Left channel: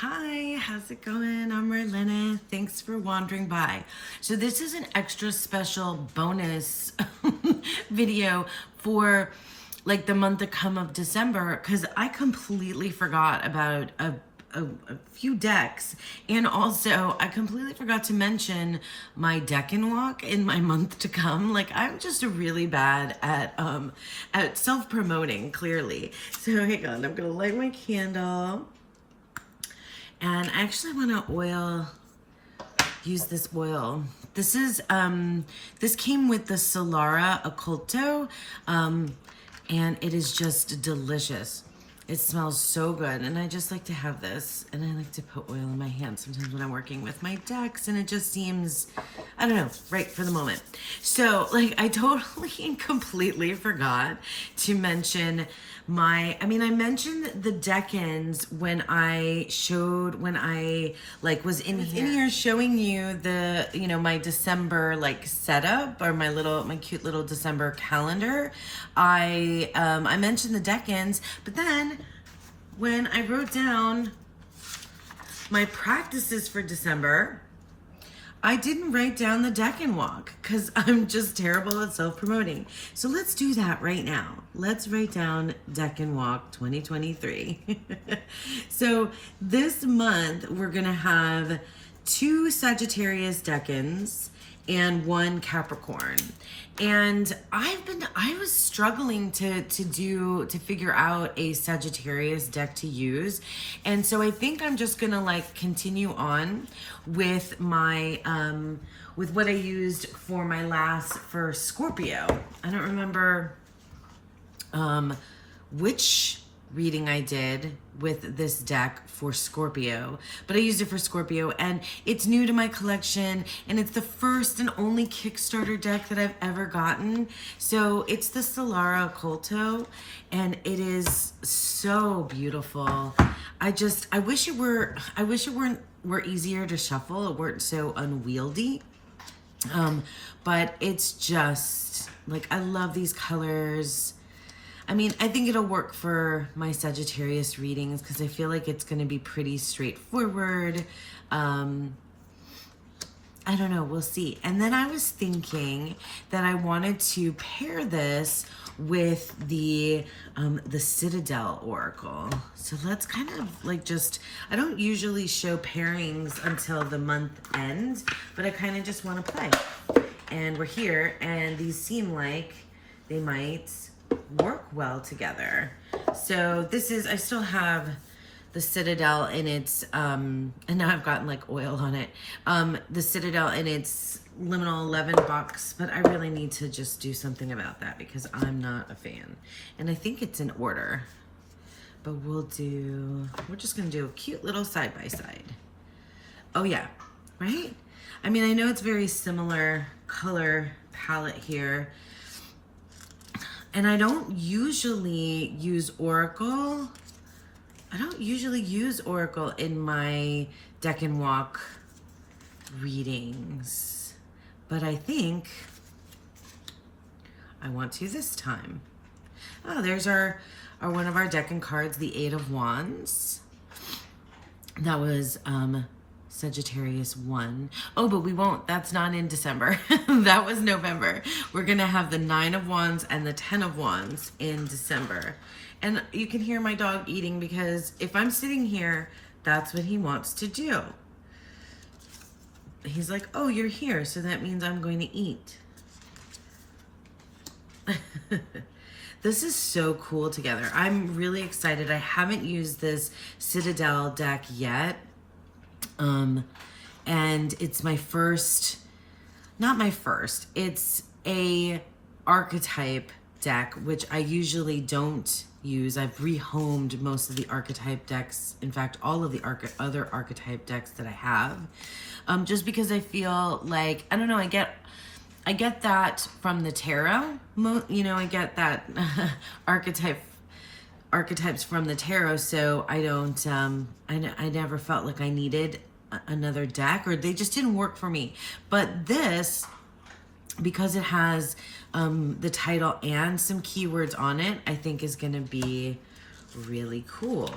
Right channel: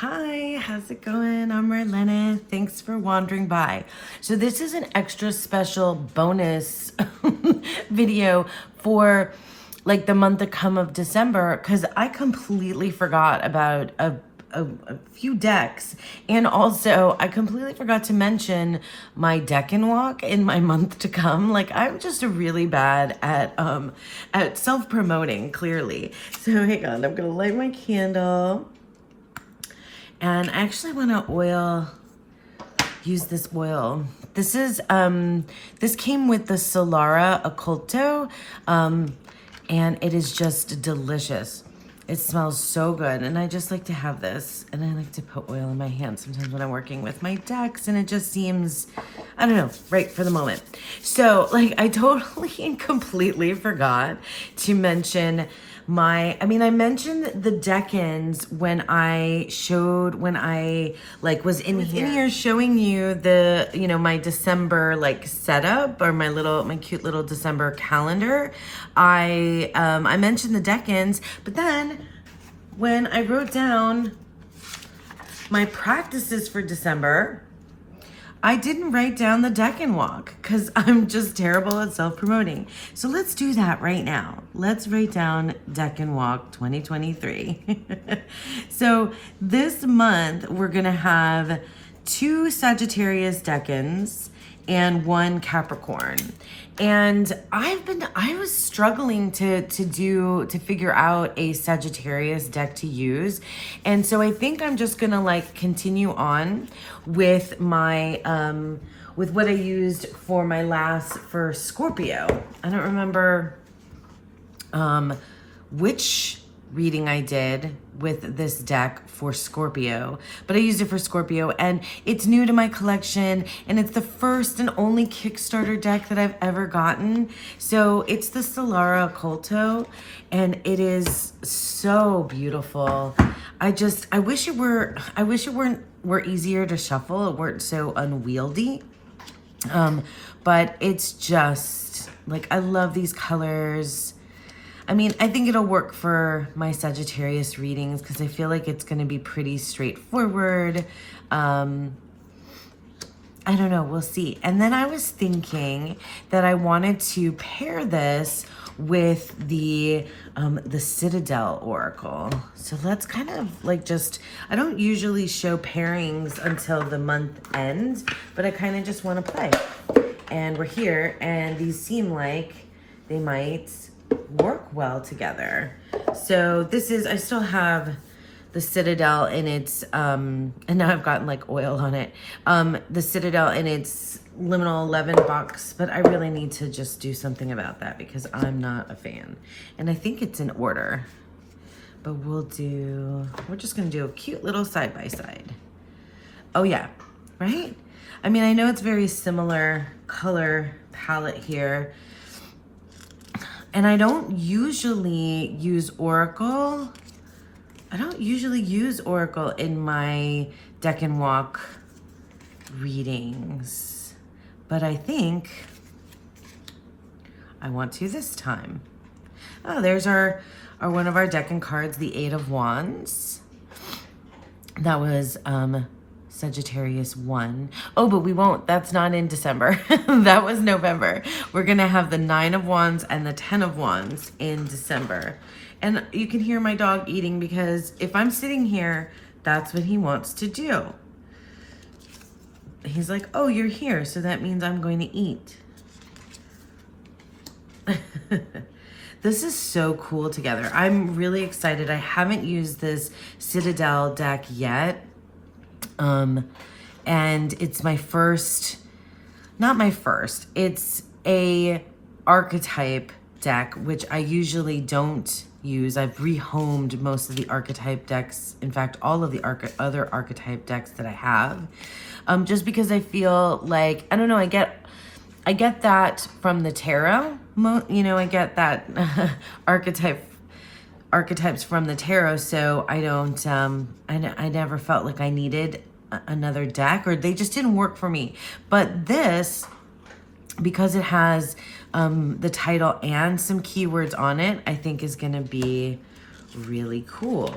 Hi, how's it going? I'm Marlena. Thanks for wandering by. So this is an extra special bonus video for like the month to come of December because I completely forgot about a few decks, and also I completely forgot to mention my deck and walk in my month to come. Like, I'm just really bad at self-promoting, clearly. So hang on, I'm gonna light my candle. And I actually want to use this oil. This is, this came with the Solara Occulto, and it is just delicious. It smells so good, and I just like to have this, and I like to put oil in my hand sometimes when I'm working with my decks, and it just seems, I don't know, right for the moment. So, like, I totally and completely forgot to mention I mentioned the deck-ins when I was in here showing you the, my December like setup, or my cute little December calendar. I mentioned the deck-ins, but then when I wrote down my practices for December, I didn't write down the deck and walk because I'm just terrible at self-promoting. So let's do that right now. Let's write down deck and walk 2023. So this month we're gonna have 2 Sagittarius deck-ins and 1 Capricorn. And I was struggling to figure out a Sagittarius deck to use. And so I think I'm just gonna like continue on with my, with what I used for my for Scorpio. I don't remember which reading I did with this deck for Scorpio, but I used it for Scorpio, and it's new to my collection, and it's the first and only Kickstarter deck that I've ever gotten. So it's the Solara Occulto, and it is so beautiful. I wish it were easier to shuffle. It weren't so unwieldy. But it's just like, I love these colors. I mean, I think it'll work for my Sagittarius readings because I feel like it's going to be pretty straightforward. I don't know, we'll see. And then I was thinking that I wanted to pair this with the Citadel Oracle. So let's kind of like I don't usually show pairings until the month ends, but I kind of just want to play. And we're here, and these seem like they might work well together. So this is, I still have the Citadel in its, and now I've gotten like oil on it, the Citadel in its liminal 11 box, but I really need to just do something about that because I'm not a fan. And I think it's in order, but we're just gonna do a cute little side-by-side. Oh yeah, right? I mean, I know it's very similar color palette here, and I don't usually use Oracle. I don't usually use Oracle in my deck and walk readings, but I think I want to this time. Oh, there's our one of our deck and cards, the 8 of Wands. That was Sagittarius 1. Oh, but we won't. That's not in December. That was November. We're going to have the 9 of Wands and the 10 of Wands in December. And you can hear my dog eating because if I'm sitting here, that's what he wants to do. He's like, oh, you're here, so that means I'm going to eat. This is so cool together. I'm really excited. I haven't used this Citadel deck yet. And it's my first, not my first, it's a archetype deck, which I usually don't use. I've rehomed most of the archetype decks. In fact, all of the other archetype decks that I have, just because I feel like, I don't know, I get that from the tarot, I get that archetypes from the tarot, so I don't, I never felt like I needed another deck, or they just didn't work for me. But this, because it has the title and some keywords on it, I think is gonna be really cool.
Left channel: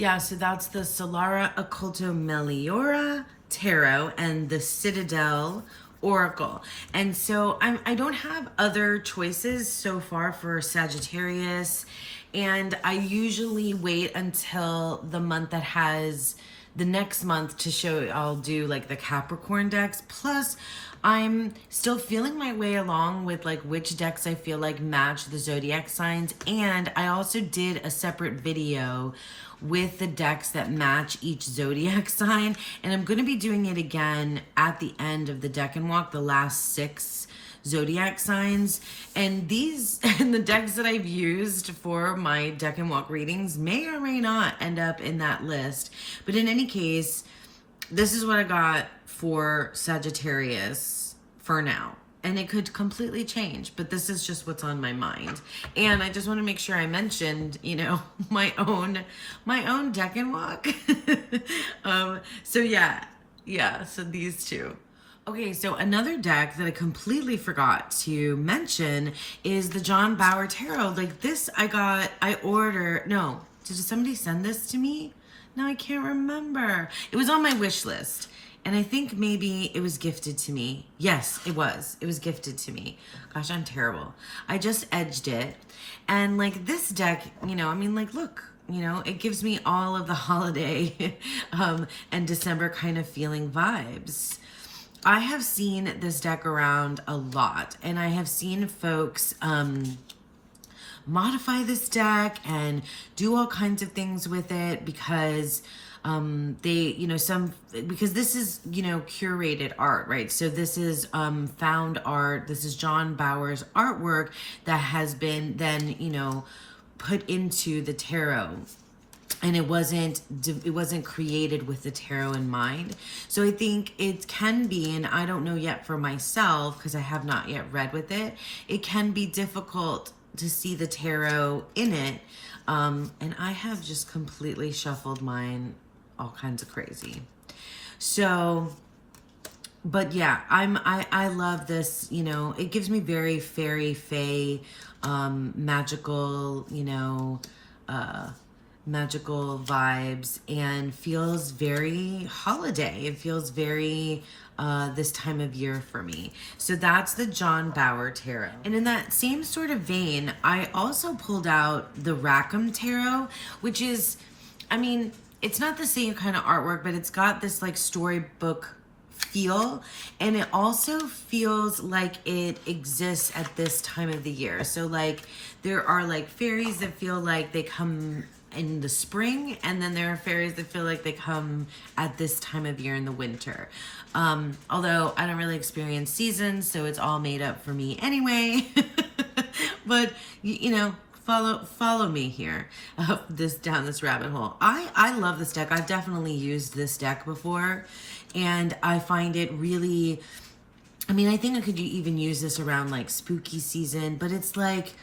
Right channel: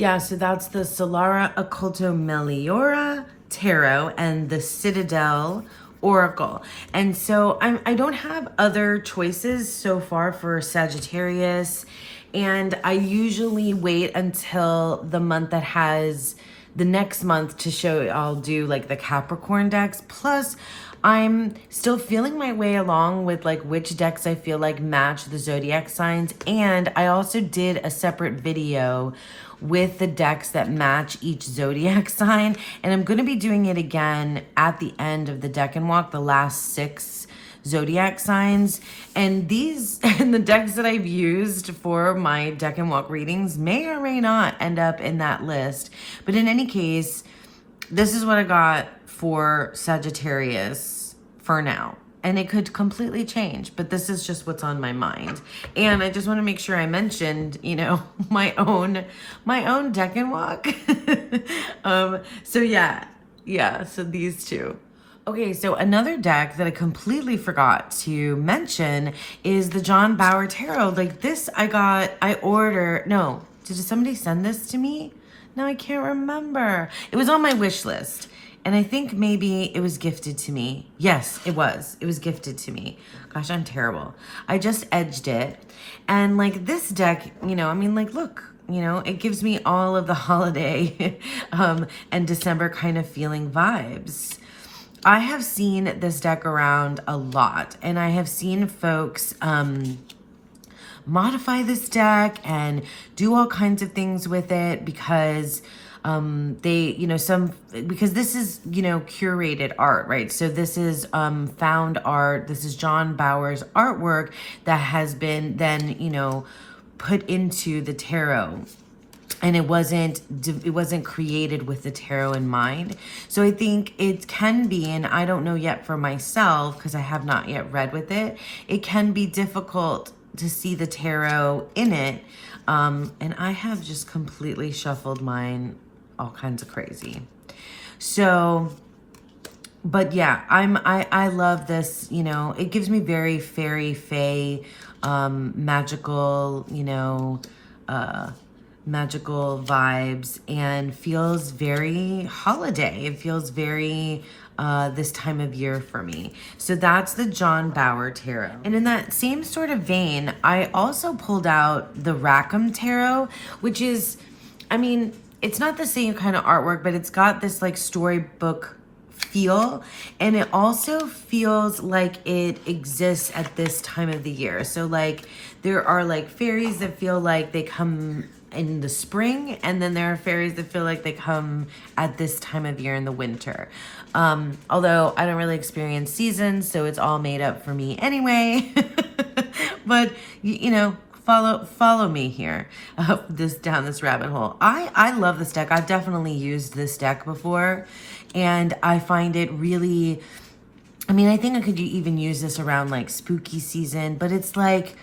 Yeah, so that's the Solara Occulto Meliora Tarot and the Citadel Oracle. And so I don't have other choices so far for Sagittarius. And I usually wait until the month that has the next month to show. I'll do like the Capricorn decks. Plus, I'm still feeling my way along with like which decks I feel like match the zodiac signs. And I also did a separate video with the decks that match each zodiac sign. And I'm going to be doing it again at the end of the deck and walk, the last 6 zodiac signs. And these and the decks that I've used for my deck and walk readings may or may not end up in that list. But in any case, this is what I got for Sagittarius for now. And it could completely change, but this is just what's on my mind. And I just want to make sure I mentioned, you know, my own deck and walk. So so these two. Okay, so another deck that I completely forgot to mention is the John Bauer Tarot. Like this, did somebody send this to me? No, I can't remember. It was on my wish list. And I think maybe it was gifted to me. Yes, it was. It was gifted to me. Gosh, I'm terrible. I just edged it. And like this deck, you know, I mean, like, look, you know, it gives me all of the holiday and December kind of feeling vibes. I have seen this deck around a lot. And I have seen folks modify this deck and do all kinds of things with it because because this is, you know, curated art, right? So this is found art. This is John Bauer's artwork that has been then, you know, put into the tarot. And it wasn't created with the tarot in mind. So I think it can be, and I don't know yet for myself, because I have not yet read with it, it can be difficult to see the tarot in it. And I have just completely shuffled mine all kinds of crazy. So, but yeah, I love this, you know, it gives me very fairy, fae, magical, you know, magical vibes and feels very holiday. It feels very this time of year for me. So that's the John Bauer Tarot. And in that same sort of vein, I also pulled out the Rackham Tarot, which is, I mean, it's not the same kind of artwork, but it's got this like storybook feel. And it also feels like it exists at this time of the year. So like there are like fairies that feel like they come in the spring, and then there are fairies that feel like they come at this time of year in the winter. Although I don't really experience seasons, so it's all made up for me anyway. But you know, follow me here, down this rabbit hole. I love this deck. I've definitely used this deck before, and I find it really, I mean, I think I could even use this around like spooky season, but it's like,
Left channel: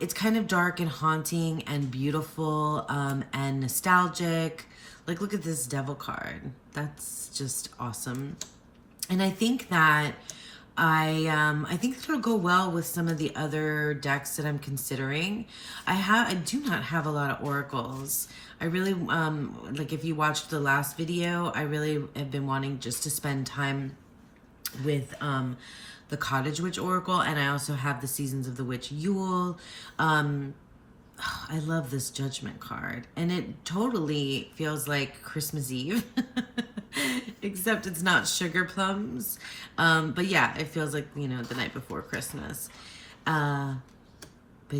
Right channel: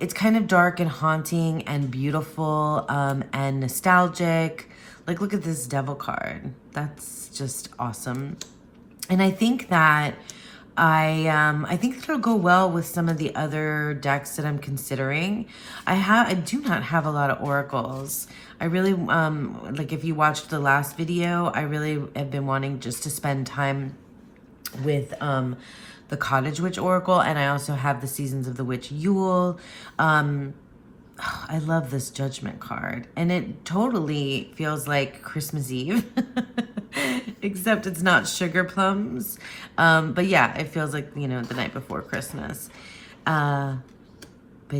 it's kind of dark and haunting and beautiful, and nostalgic. Like, look at this devil card. That's just awesome. And I think that I think it'll go well with some of the other decks that I'm considering. I do not have a lot of oracles. I really, like if you watched the last video, I really have been wanting just to spend time with, the Cottage Witch Oracle, and I also have the Seasons of the Witch Yule. I love this Judgment card, and it totally feels like Christmas Eve, except it's not sugar plums. But yeah, it feels like, you know, the night before Christmas. But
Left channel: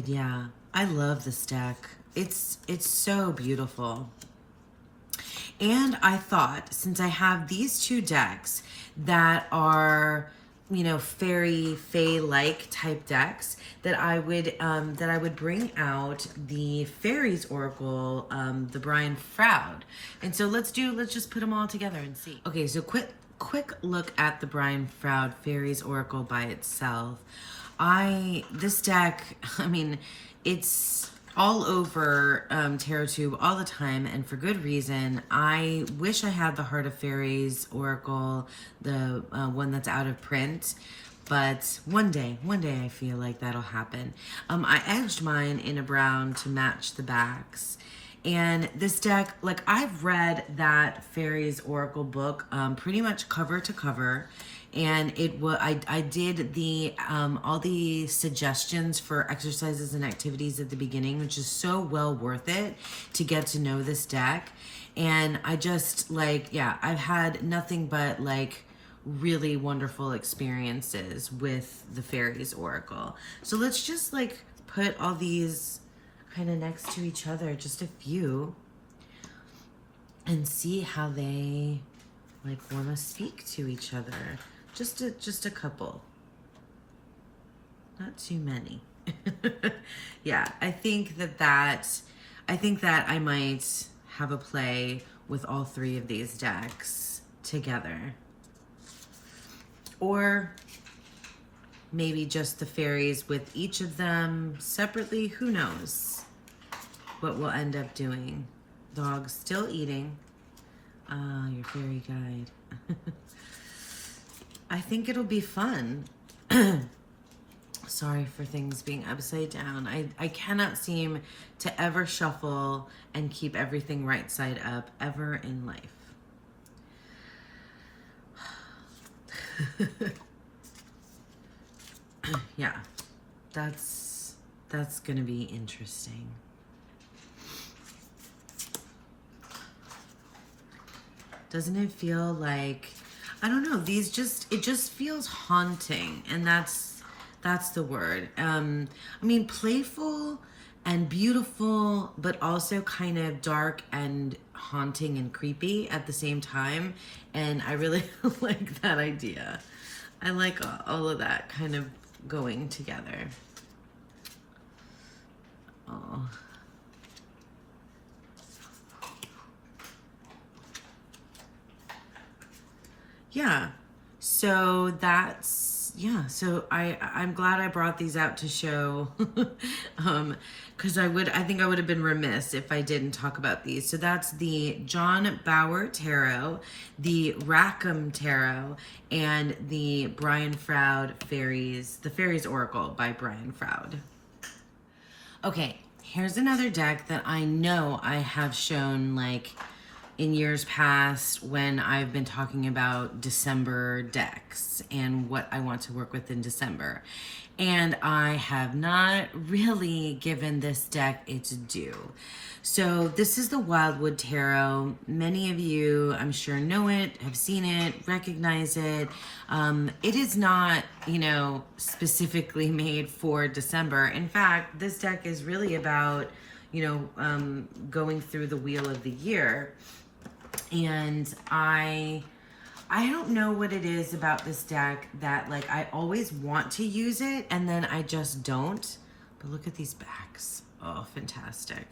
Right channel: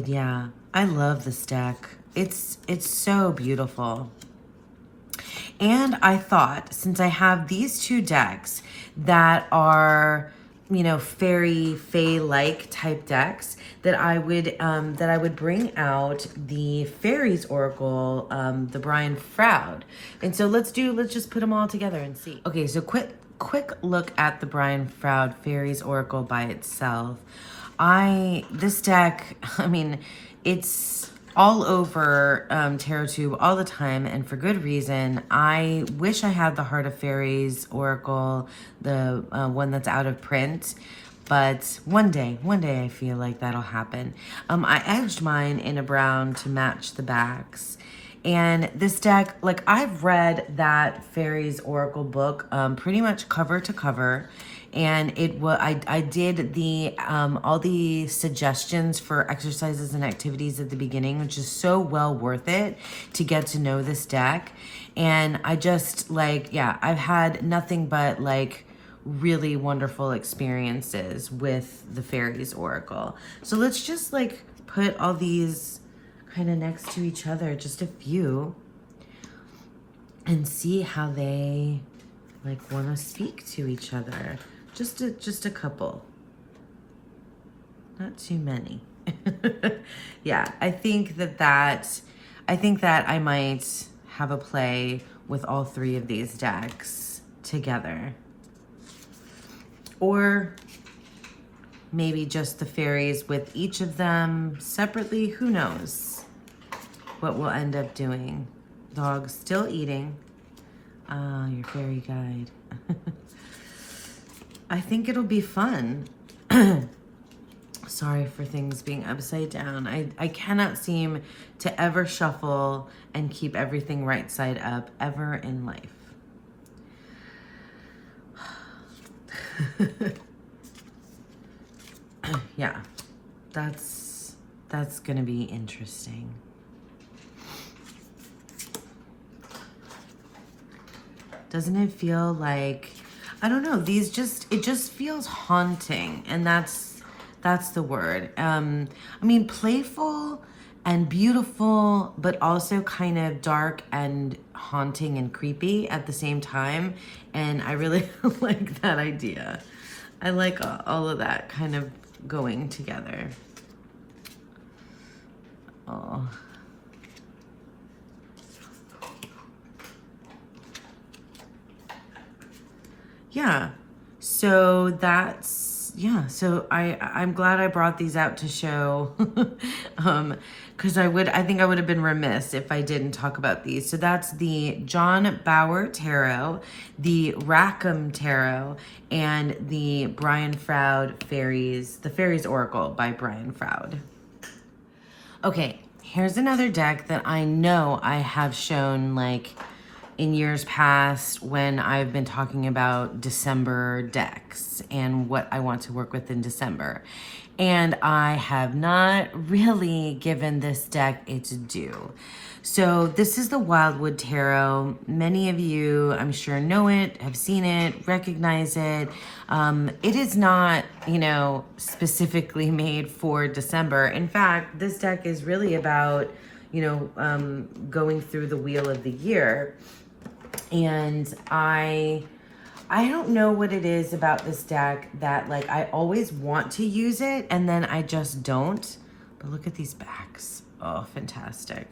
yeah, I love this deck. It's so beautiful. And I thought, since I have these two decks that are, you know, fairy, fae-like type decks, that I would bring out the Fairies Oracle, the Brian Froud. And so let's just put them all together and see. Okay, so quick look at the Brian Froud Fairies Oracle by itself. This deck, I mean, it's all over TarotTube all the time, and for good reason. I wish I had the Heart of Fairies Oracle, the one that's out of print, but one day I feel like that'll happen. I edged mine in a brown to match the backs, And this deck, like I've read that Fairies Oracle book pretty much cover to cover. And I did the all the suggestions for exercises and activities at the beginning, which is so well worth it to get to know this deck. And I just like, yeah, I've had nothing but like really wonderful experiences with the Fairies Oracle. So let's just like put all these kind of next to each other, just a few, and see how they like want to speak to each other. Just a couple, not too many. Yeah, I think that I might have a play with all three of these decks together, or maybe just the fairies with each of them separately. Who knows what we'll end up doing. Dog's still eating. Your fairy guide. I think it'll be fun. Sorry for things being upside down. I cannot seem to ever shuffle and keep everything right side up ever in life. Yeah, that's gonna be interesting. Doesn't it feel like, I don't know, it just feels haunting, and that's the word. I mean, playful and beautiful, but also kind of dark and haunting and creepy at the same time. And I really like that idea. I like all of that kind of going together. Oh. Yeah, so that's, yeah, so I'm glad I brought these out to show, because I think I would have been remiss if I didn't talk about these. So that's the John Bauer Tarot, the Rackham Tarot, and the Brian Froud Fairies, the Fairies Oracle by Brian Froud. Okay, here's another deck that I know I have shown like in years past when I've been talking about December decks and what I want to work with in December. And I have not really given this deck its due. So this is the Wildwood Tarot. Many of you, I'm sure, know it, have seen it, recognize it. It is not, you know, specifically made for December. In fact, this deck is really about, you know, going through the wheel of the year. And I don't know what it is about this deck that like I always want to use it and then I just don't. But look at these backs. Oh, fantastic.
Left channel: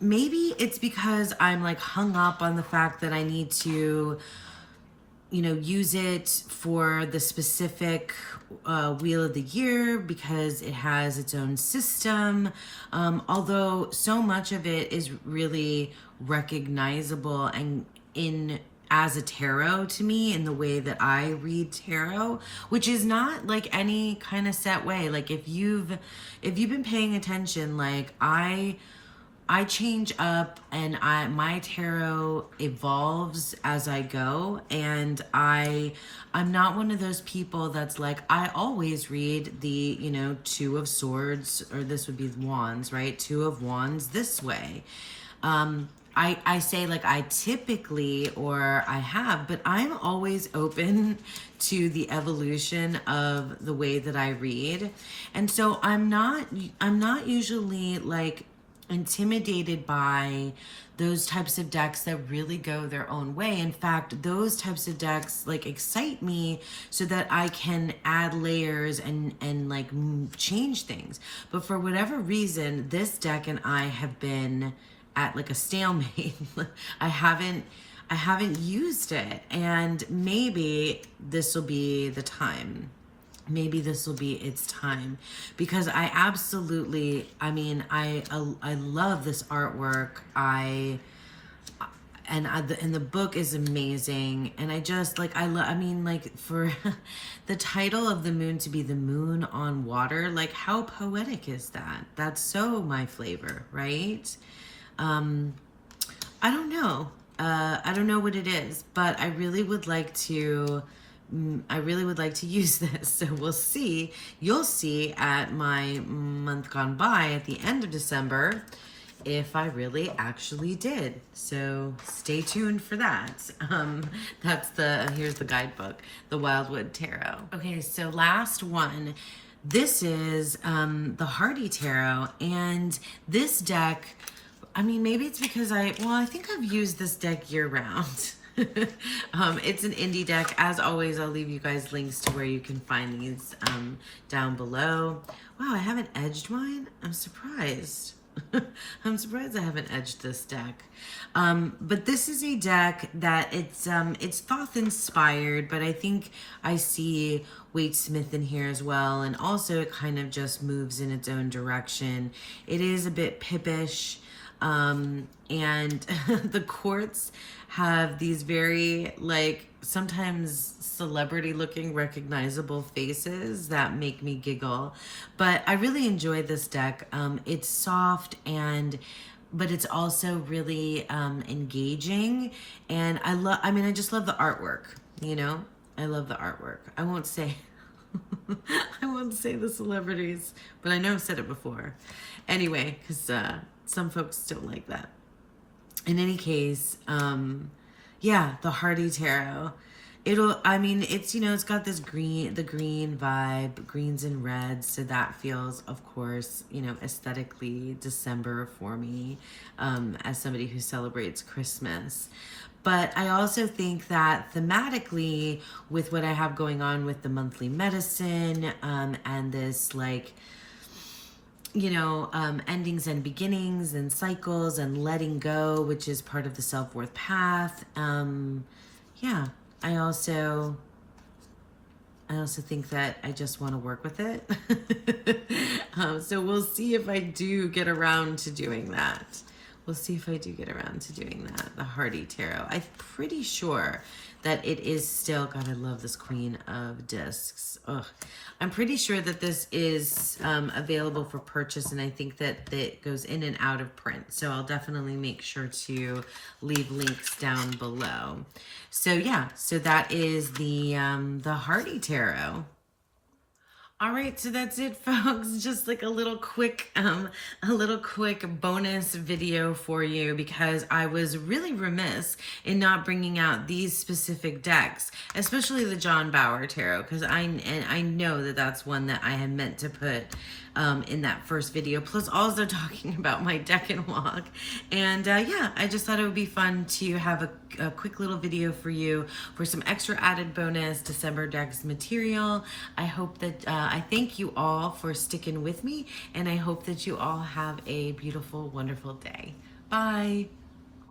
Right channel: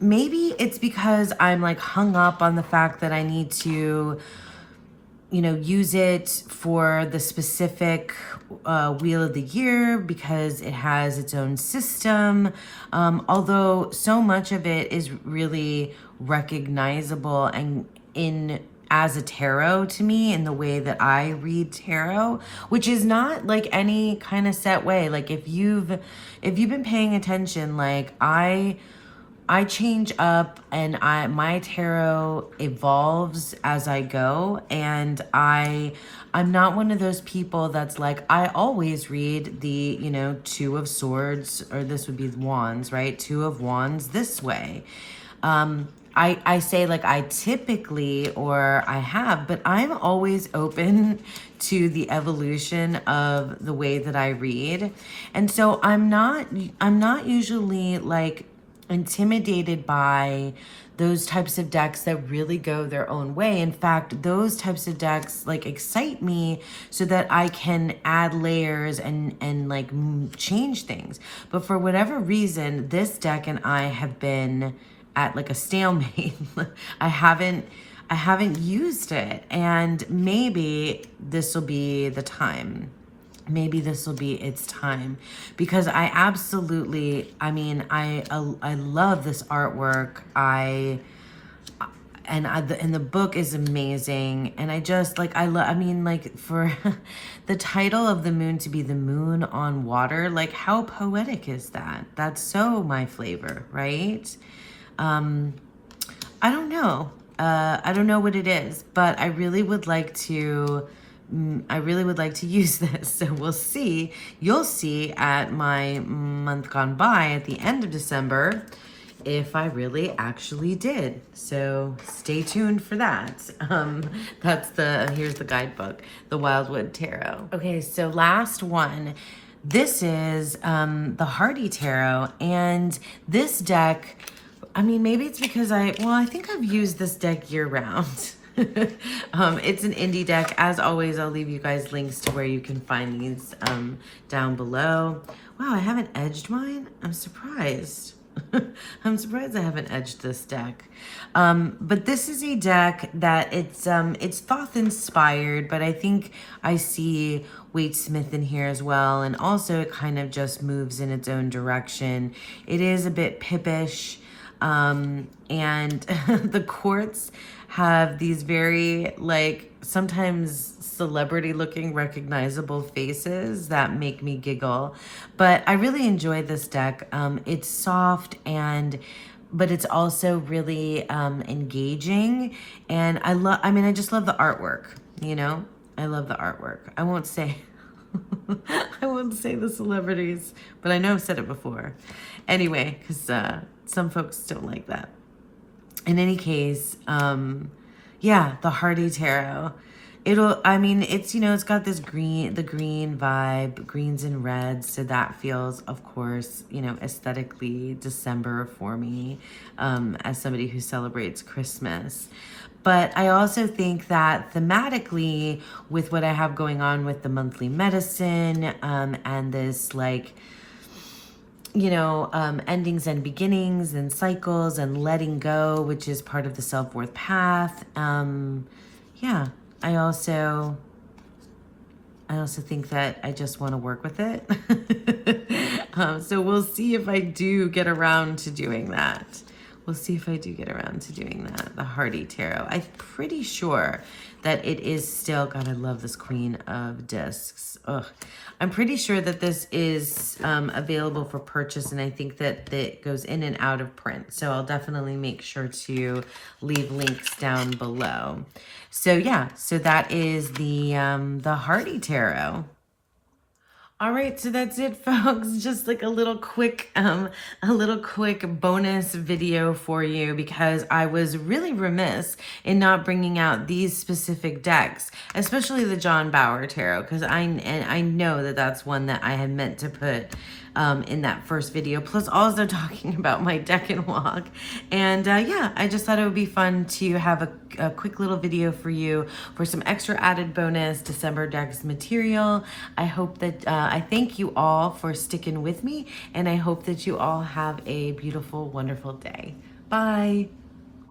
Maybe it's because I'm like hung up on the fact that I need to, you know, use it for the specific wheel of the year because it has its own system. Although so much of it is really recognizable and as a tarot to me in the way that I read tarot, which is not like any kind of set way. Like if you've been paying attention, like I change up and my tarot evolves as I go, and I'm not one of those people that's like, I always read the, you know, Two of Swords, or this would be Wands, right? Two of Wands this way. I say like I typically, or I have, but I'm always open to the evolution of the way that I read. And so I'm not usually like intimidated by those types of decks that really go their own way. In fact, those types of decks like excite me so that I can add layers and like change things. But for whatever reason, this deck and I have been at like a stalemate. I haven't used it, and maybe this will be the time. Maybe this will be its time, because I absolutely, I mean, I love this artwork. And the book is amazing, and I just like I mean, like, for the title of the moon to be the moon on water, like how poetic is that? That's so my flavor, right? I don't know. I don't know what it is, but I really would like to. I really would like to use this. So we'll see. You'll see at my month gone by at the end of December if I really actually did. So stay tuned for that. Here's the guidebook, the Wildwood Tarot. Okay, so last one. This is the Hardy Tarot, and this deck, I mean, maybe it's because I think I've used this deck year round. It's an indie deck. As always, I'll leave you guys links to where you can find these down below. Wow, I haven't edged mine? I'm surprised. I'm surprised I haven't edged this deck. But this is a deck that it's Thoth inspired, but I think I see Wade Smith in here as well. And also it kind of just moves in its own direction. It is a bit pippish. And the quartz have these very, like, sometimes celebrity looking recognizable faces that make me giggle. But I really enjoy this deck. It's soft but it's also really engaging, and I just love the artwork, you know? I love the artwork. I won't say the celebrities, but I know I've said it before. Anyway, because some folks don't like that. In any case, yeah, the Hardy Tarot. It's got the green vibe, greens and reds. So that feels, of course, aesthetically December for me, as somebody who celebrates Christmas. But I also think that thematically, with what I have going on with the monthly medicine, and this, like, endings and beginnings and cycles and letting go, which is part of the self-worth path. Yeah, I also think that I just want to work with it. So we'll see if I do get around to doing that. The Hardy Tarot. I'm pretty sure that it is still, God, I love this Queen of Discs. Ugh. I'm pretty sure that this is available for purchase, and I think that it goes in and out of print. So I'll definitely make sure to leave links down below. So yeah, so that is the Hardy Tarot. All right, so that's it, folks. Just like a little quick bonus video for you, because I was really remiss in not bringing out these specific decks, especially the John Bauer Tarot, because I know that that's one that I had meant to put in that first video, plus also talking about my deck and walk. And yeah, I just thought it would be fun to have a quick little video for you for some extra added bonus December decks material. I hope that I thank you all for sticking with me, and I hope that you all have a beautiful, wonderful day. Bye.